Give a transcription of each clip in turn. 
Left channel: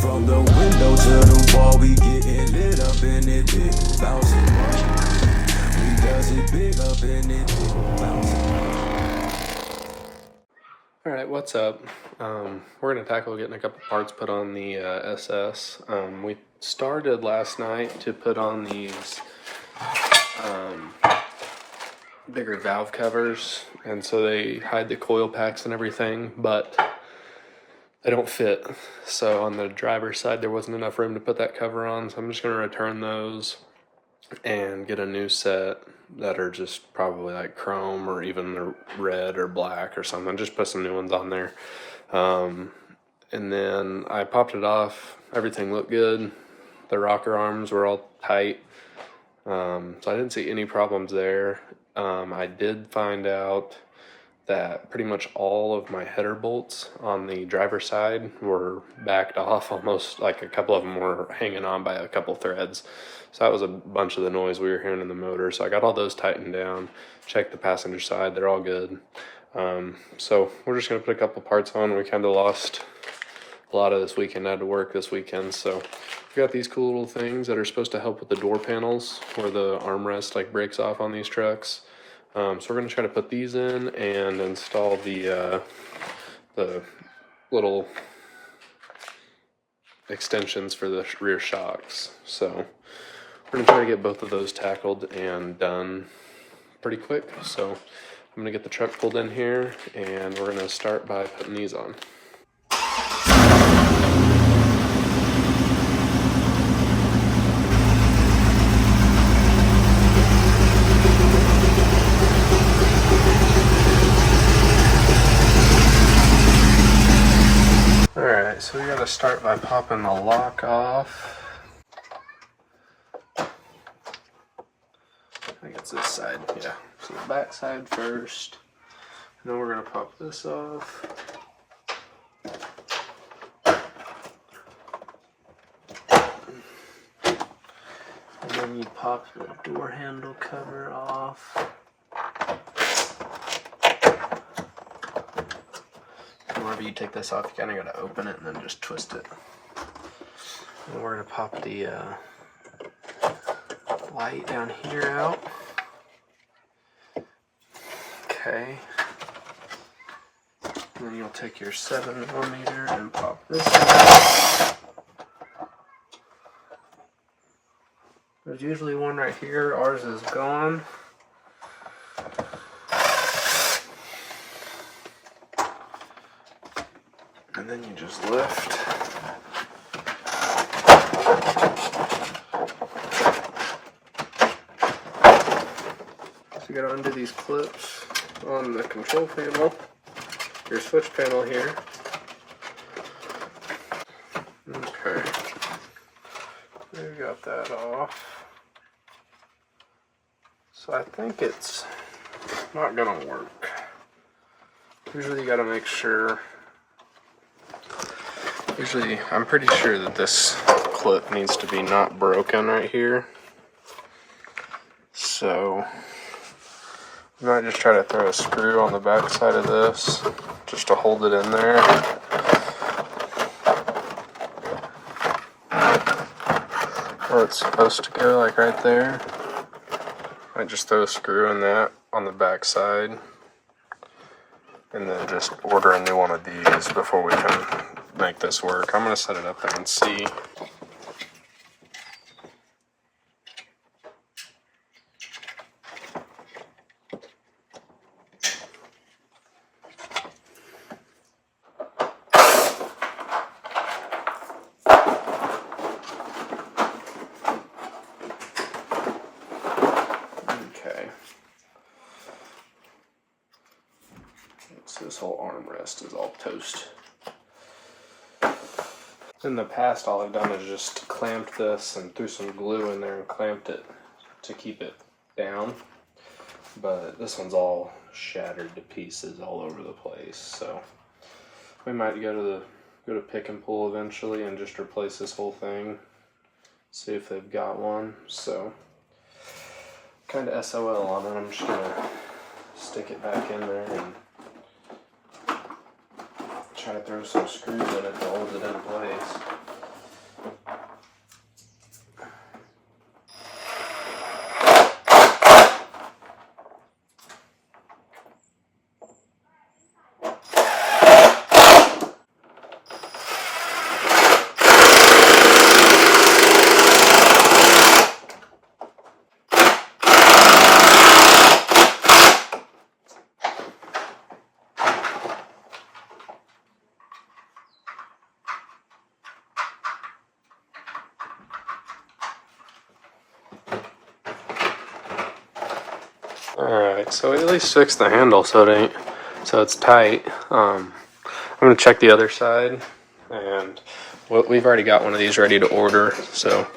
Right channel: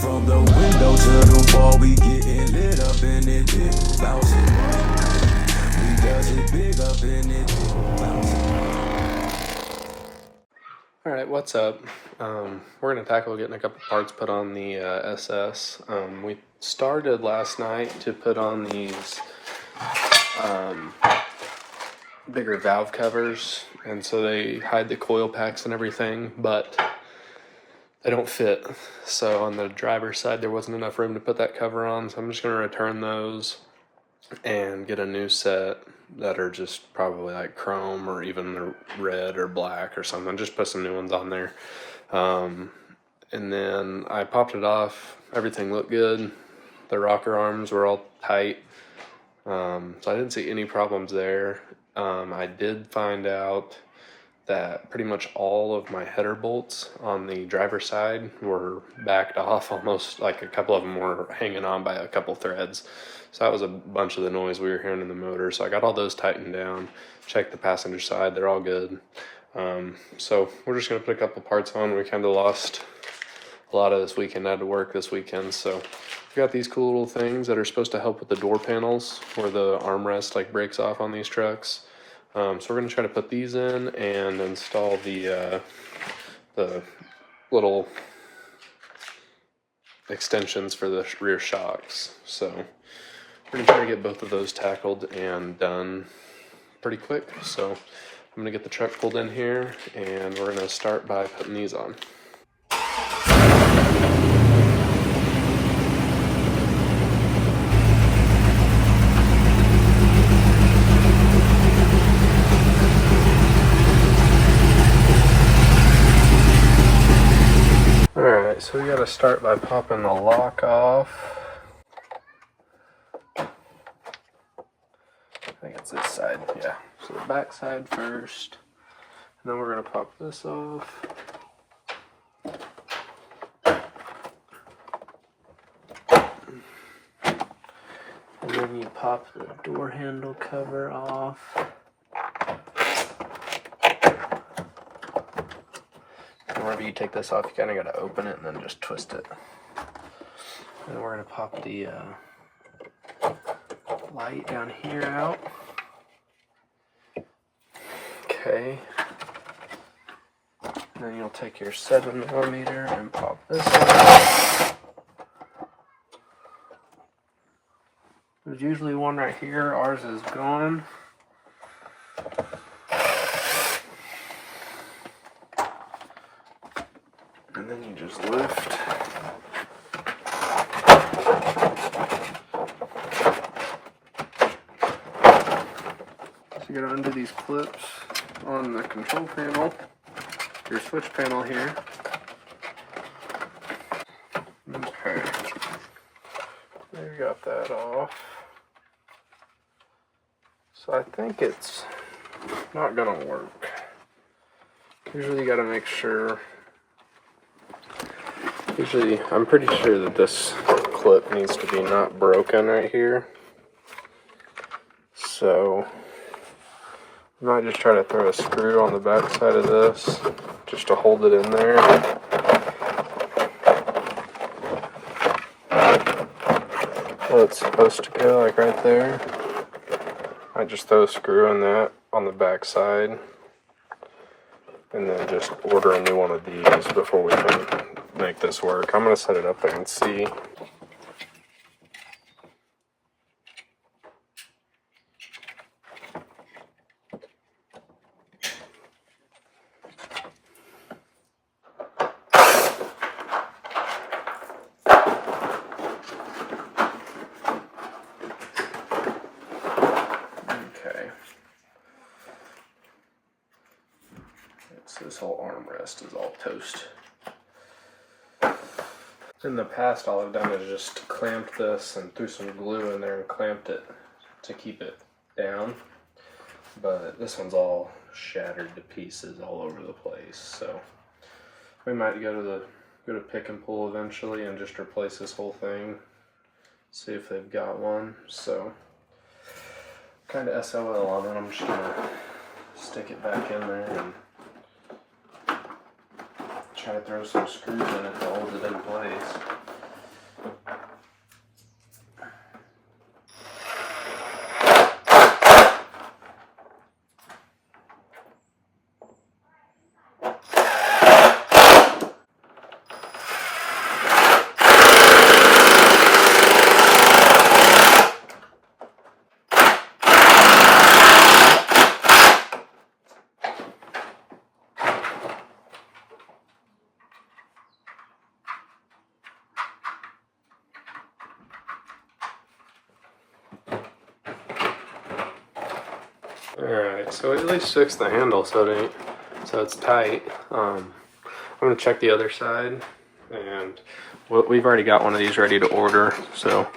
From the window to the wall, we getting lit up in it, big bouncing. We does it big up in it, big bouncing. Alright, what's up? We're going to tackle getting a couple parts put on the SS. We started last night to put on these bigger valve covers, and so they hide the coil packs and everything, but they don't fit. So on the driver's side, there wasn't enough room to put that cover on, so I'm just going to return those and get a new set that are just probably like chrome or even the red or black or something. Just put some new ones on there. And then I popped it off. Everything looked good. The rocker arms were all tight. So I didn't see any problems there. I did find out that pretty much all of my header bolts on the driver's side were backed off, almost like a couple of them were hanging on by a couple threads. So that was a bunch of the noise we were hearing in the motor. So I got all those tightened down, checked the passenger side, they're all good. So we're just gonna put a couple parts on. We kind of lost a lot of this weekend. I had to work this weekend, so we've got these cool little things that are supposed to help with the door panels where the armrest like breaks off on these trucks. So we're gonna try to put these in and install the little extensions for the rear shocks. So we're gonna try to get both of those tackled and done pretty quick. So I'm gonna get the truck pulled in here and we're gonna start by putting these on. Alright, so we gotta start by popping the lock off. I think it's this side, yeah. So the back side first. And then we're gonna pop this off. And then you pop the door handle cover off. Whenever you take this off, you kind of got to open it and then just twist it. And we're going to pop the light down here out. Okay. And then you'll take your 7mm and pop this out. There's usually one right here. Ours is gone. And then you just lift. So you gotta undo these clips on the control panel, your switch panel here. Okay. There, you got that off. So I think it's not gonna work. Usually you gotta make sure. Usually, I'm pretty sure that this clip needs to be not broken right here. So, I might just try to throw a screw on the back side of this, just to hold it in there. Where it's supposed to go, like right there. I just throw a screw in that on the back side. And then just order a new one of these before we can make this work. I'm going to set it up there and see. Okay. So this whole armrest is all toast. In the past, all I've done is just clamped this and threw some glue in there and clamped it to keep it down. But this one's all shattered to pieces all over the place. So we might go to pick and pull eventually and just replace this whole thing. See if they've got one. So kind of SOL on it. I'm just gonna stick it back in there and try to throw some screws in it to hold it in place. Alright, so at least fix the handle so it's tight. I'm gonna check the other side, and we've already got one of these ready to order, so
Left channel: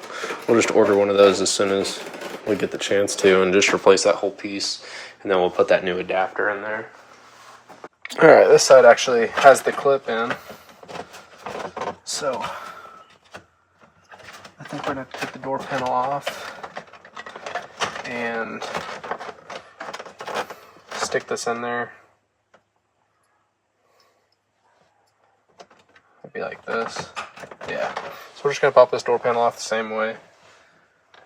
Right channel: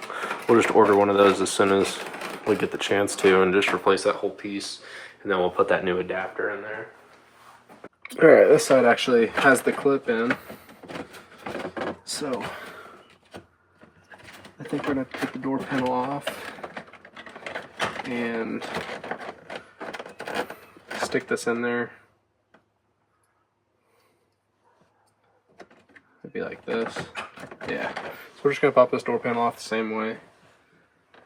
we'll just order one of those as soon as we get the chance to, and just replace that whole piece, and then we'll put that new adapter in there. Alright, this side actually has the clip in, so I think we're gonna take the door panel off and stick this in there. It'd be like this. Yeah. So we're just gonna pop this door panel off the same way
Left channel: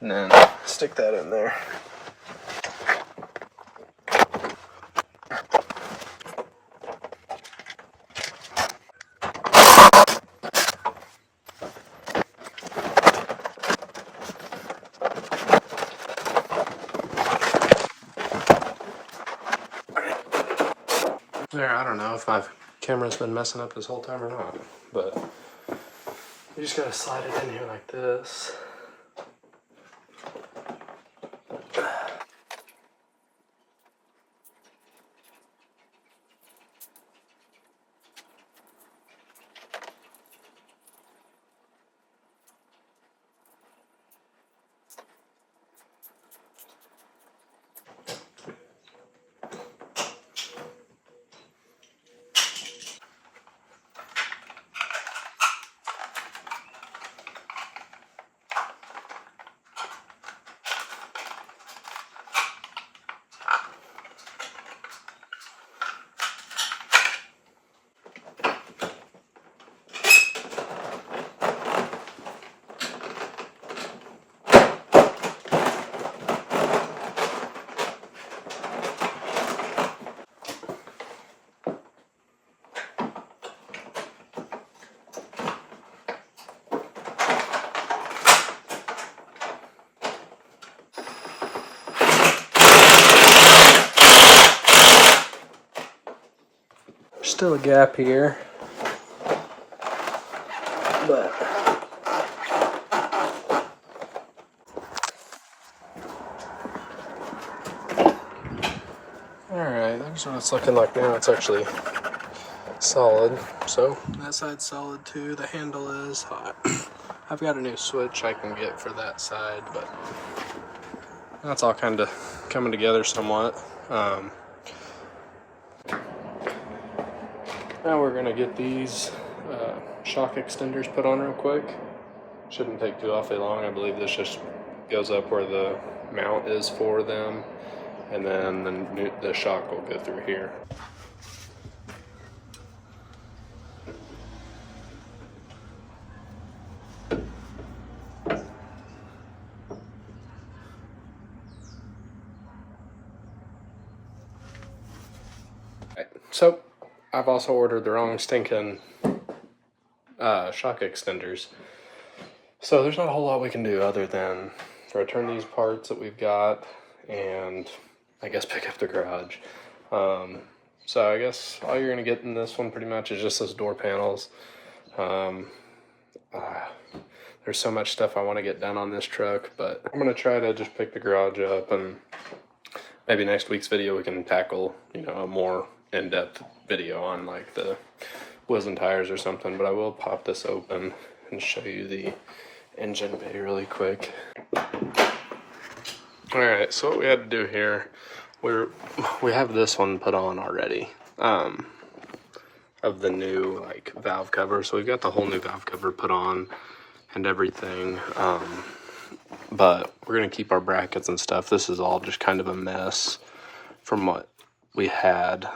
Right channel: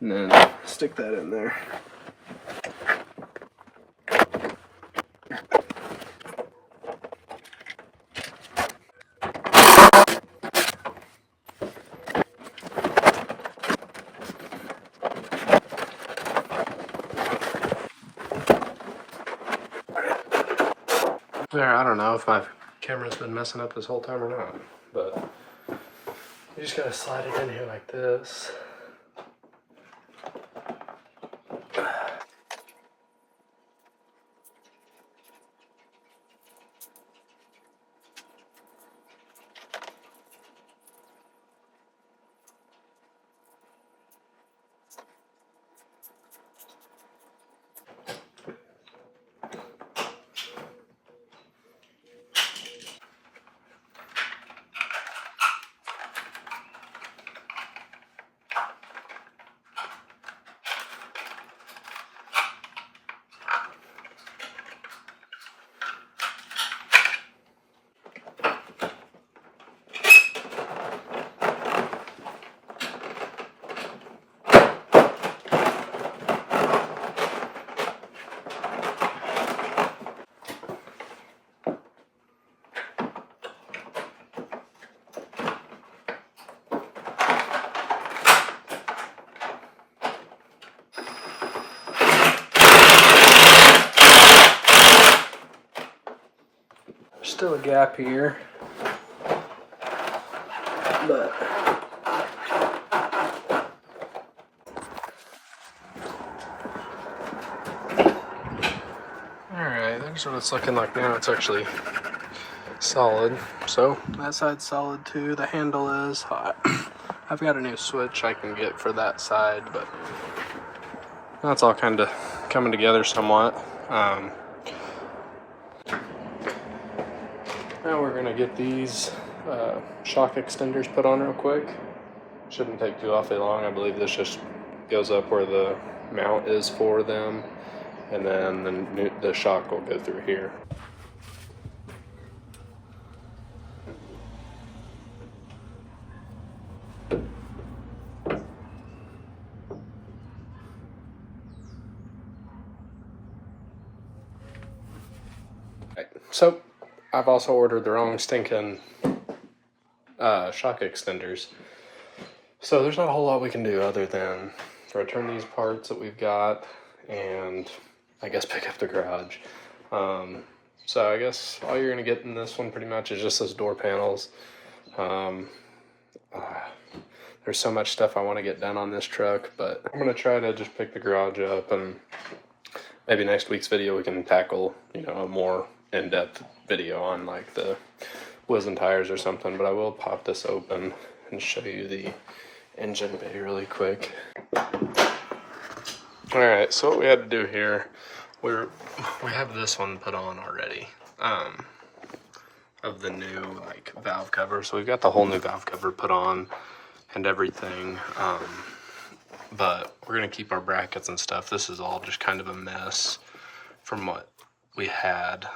and then stick that in there. There, I don't know if my camera's been messing up this whole time or not, but you just gotta slide it in here like this. Still a gap here, but alright, that's what it's looking like now. It's actually solid. So that side's solid too. The handle is hot. I've got a new switch I can get for that side, but that's all kind of coming together somewhat. Now we're gonna get these shock extenders put on real quick. Shouldn't take too awfully long. I believe this just goes up where the mount is for them, and then the shock will go through here. So I've also ordered the wrong stinking shock extenders. So there's not a whole lot we can do other than return these parts that we've got and I guess pick up the garage. So I guess all you're gonna get in this one pretty much is just those door panels. There's so much stuff I want to get done on this truck, but I'm gonna try to just pick the garage up, and maybe next week's video we can tackle, a more in-depth video on like the wheels and tires or something. But I will pop this open and show you the engine bay really quick. Alright, so what we had to do here, we have this one put on already, of the new valve cover. So we've got the whole new valve cover put on and everything, but we're gonna keep our brackets and stuff. This is all just kind of a mess from what we had.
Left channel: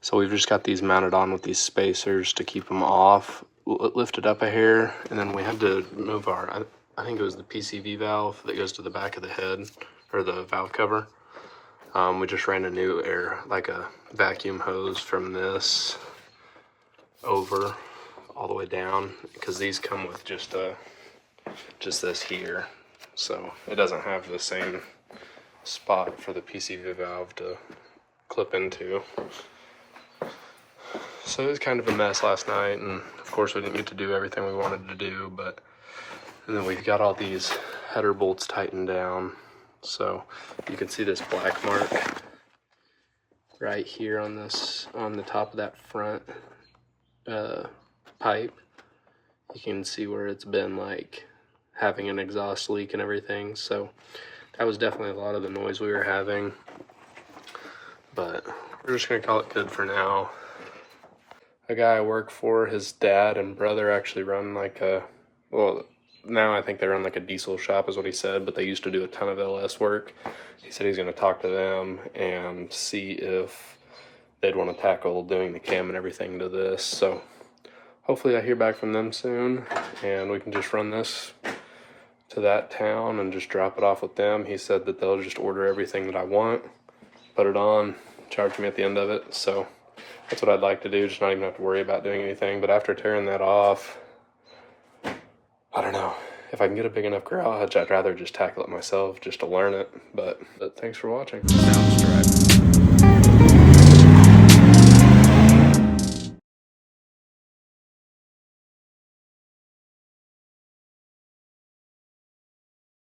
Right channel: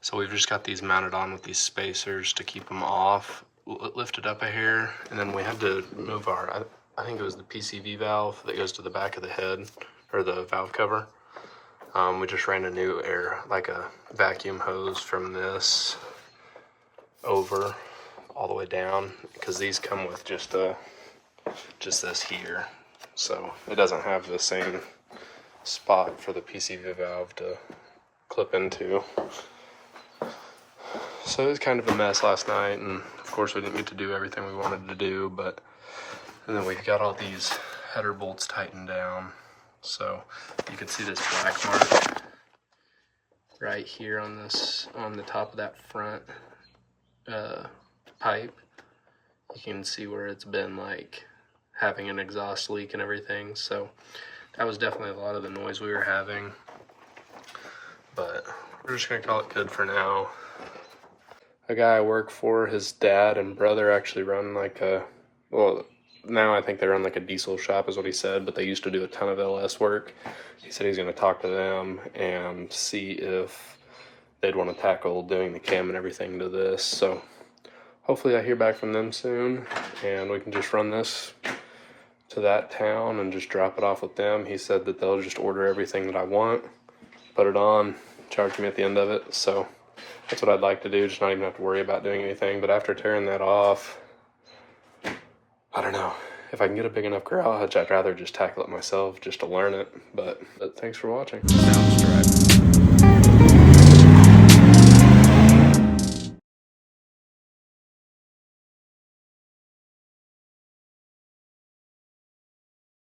So we've just got these mounted on with these spacers to keep them off, lifted up a hair, and then we had to move our, I think it was the PCV valve that goes to the back of the head, or the valve cover. We just ran a new like a vacuum hose from this over all the way down, because these come with just this here, so it doesn't have the same spot for the PCV valve to clip into. So it was kind of a mess last night, and of course we didn't get to do everything we wanted to do, and then we've got all these header bolts tightened down, So you can see this black mark right here on the top of that front pipe. You can see where it's been like having an exhaust leak and everything. So that was definitely a lot of the noise we were having, but we're just gonna call it good for now. A guy I work for, his dad and brother actually run like well, now I think they run like a diesel shop is what he said, but they used to do a ton of LS work. He said he's gonna talk to them and see if they'd want to tackle doing the cam and everything to this. So hopefully I hear back from them soon and we can just run this to that town and just drop it off with them. He said that they'll just order everything that I want, put it on, charge me at the end of it. So that's what I'd like to do, just not even have to worry about doing anything. But after tearing that off, I don't know. If I can get a big enough garage, I'd rather just tackle it myself just to learn it. But thanks for watching. Sounds